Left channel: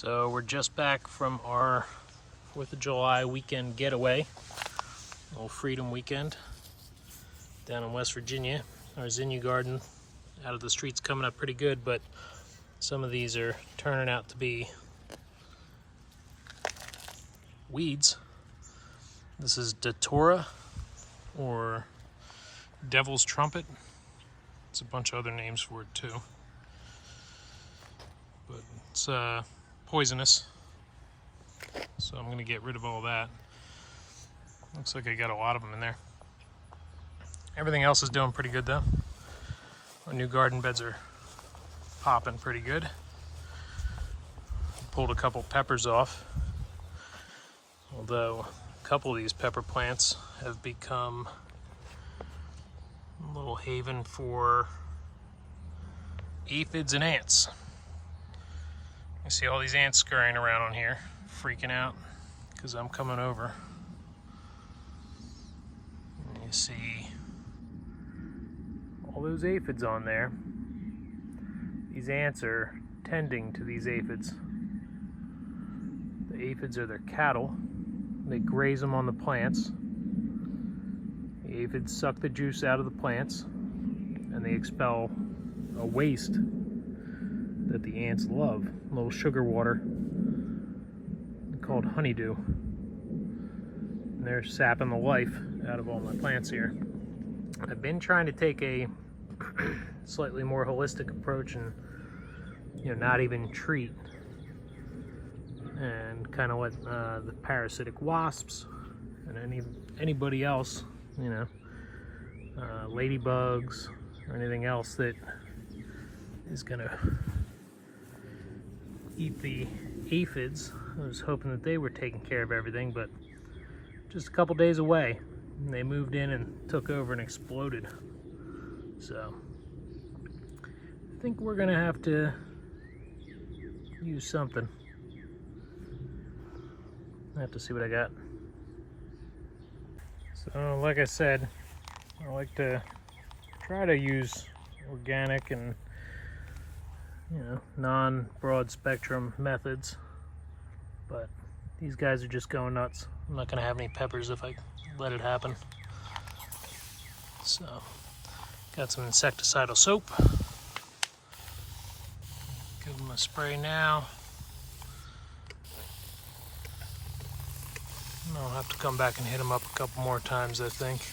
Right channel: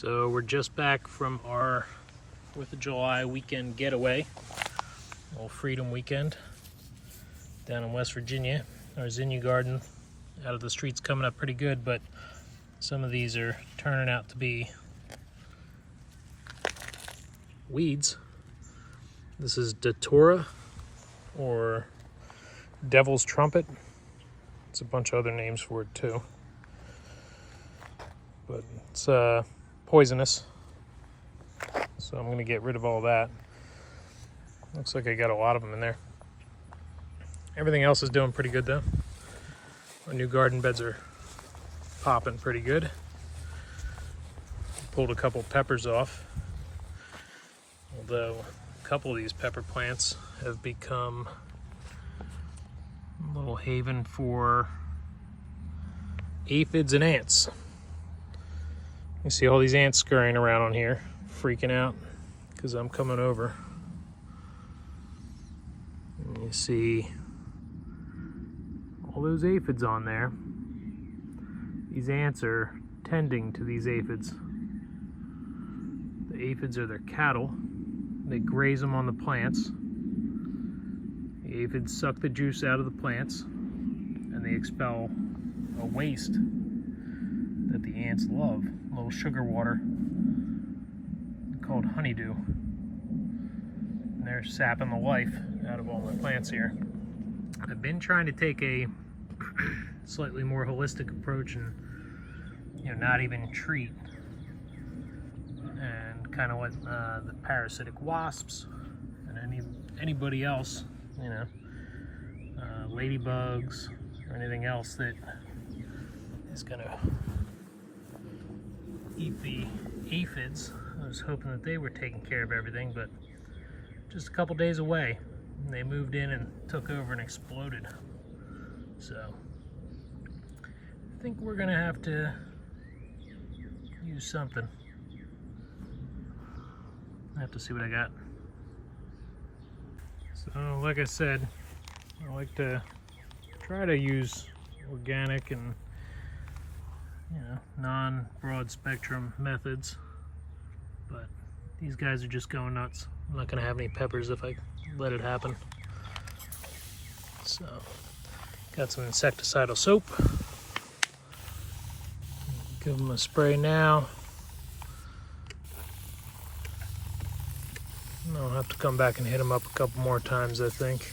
So we're just back from our 4th of July weekend getaway, a little freedom weekend down in West Virginia. Our zinnia garden out of the street's coming up pretty good, but some of these are turning out to be weeds. This is Datura or Devil's Trumpet. It's a bunch of other names for it too, but it's poisonous, so I'm going to get rid of all that. Looks like I got a lot of them in there. Everything else is doing pretty good though. Our new garden beds are popping pretty good. Pulled a couple peppers off, although a couple of these pepper plants have become a little haven for aphids and ants. You see all these ants scurrying around on here, freaking out because I'm coming over. And you see all those aphids on there. These ants are tending to these aphids. The aphids are their cattle. They graze them on the plants. The aphids suck the juice out of the plants, and they expel a waste that the ants love, a little sugar water called honeydew. And they're sapping the life out of all the plants here. I've been trying to take a slightly more holistic approach and not even treat, and kind of let the parasitic wasps and anybody else, ladybugs or anything else that is gonna eat the aphids. I was hoping that they were taking care of everything, but just a couple days away, and they moved in and took over and exploded. So I think we're gonna have to use something. I have to see what I got. So like I said, I like to try to use organic and non-broad spectrum methods, but these guys are just going nuts. I'm not gonna have any peppers if I let it happen. So got some insecticidal soap. Give them a spray now. And I'll have to come back and hit them up a couple more times, I think.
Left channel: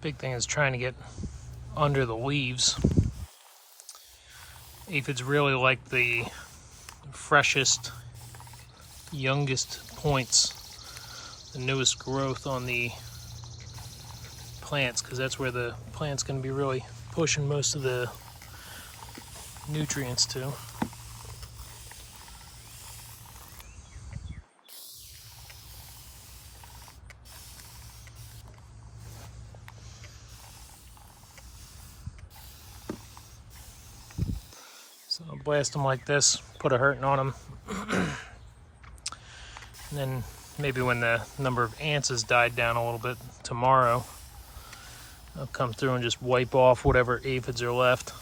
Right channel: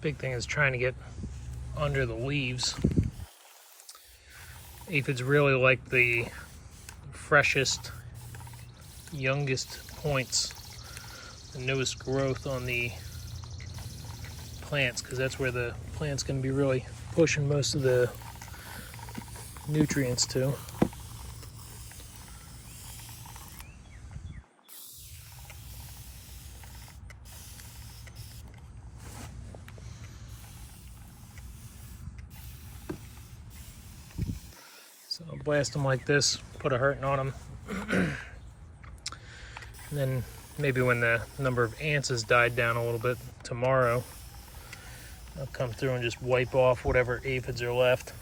Big thing is trying to get under the leaves. Aphids really like the freshest, youngest points, the newest growth on the plants, because that's where the plant's going to be really pushing most of the nutrients to. So I'll blast them like this, put a hurting on them. And then maybe when the number of ants has died down a little bit tomorrow, I'll come through and just wipe off whatever aphids are left.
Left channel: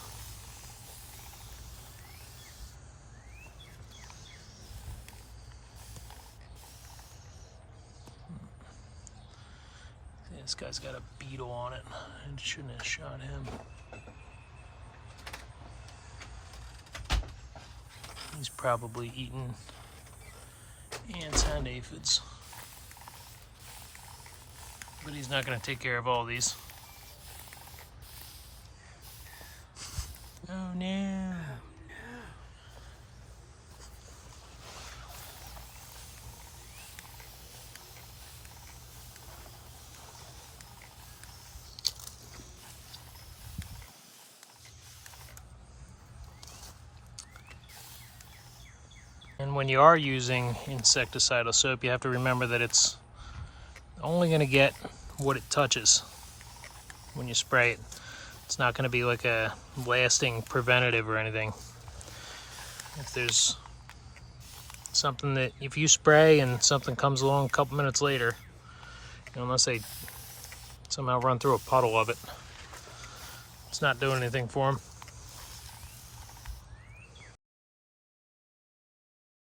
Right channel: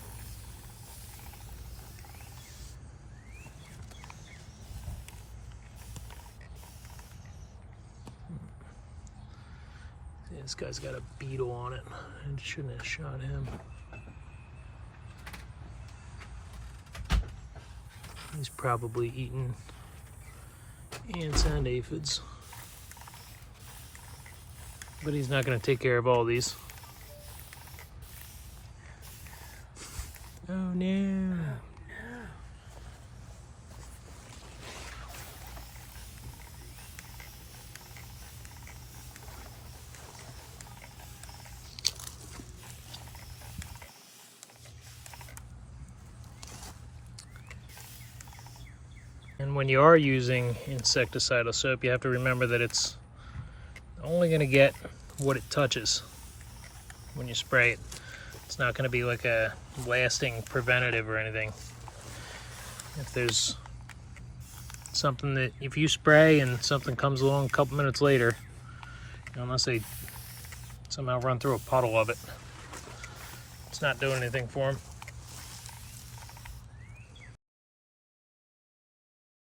See, this guy's got a beetle on it. I shouldn't have shot him. He's probably eating ants and aphids, but he's not going to take care of all these. Oh no. And when you are using insecticidal soap, you have to remember that it's only going to get what it touches when you spray it. It's not going to be like a lasting preventative or anything. If there's something that, if you spray and something comes along a couple minutes later, unless they somehow run through a puddle of it, it's not doing anything for them.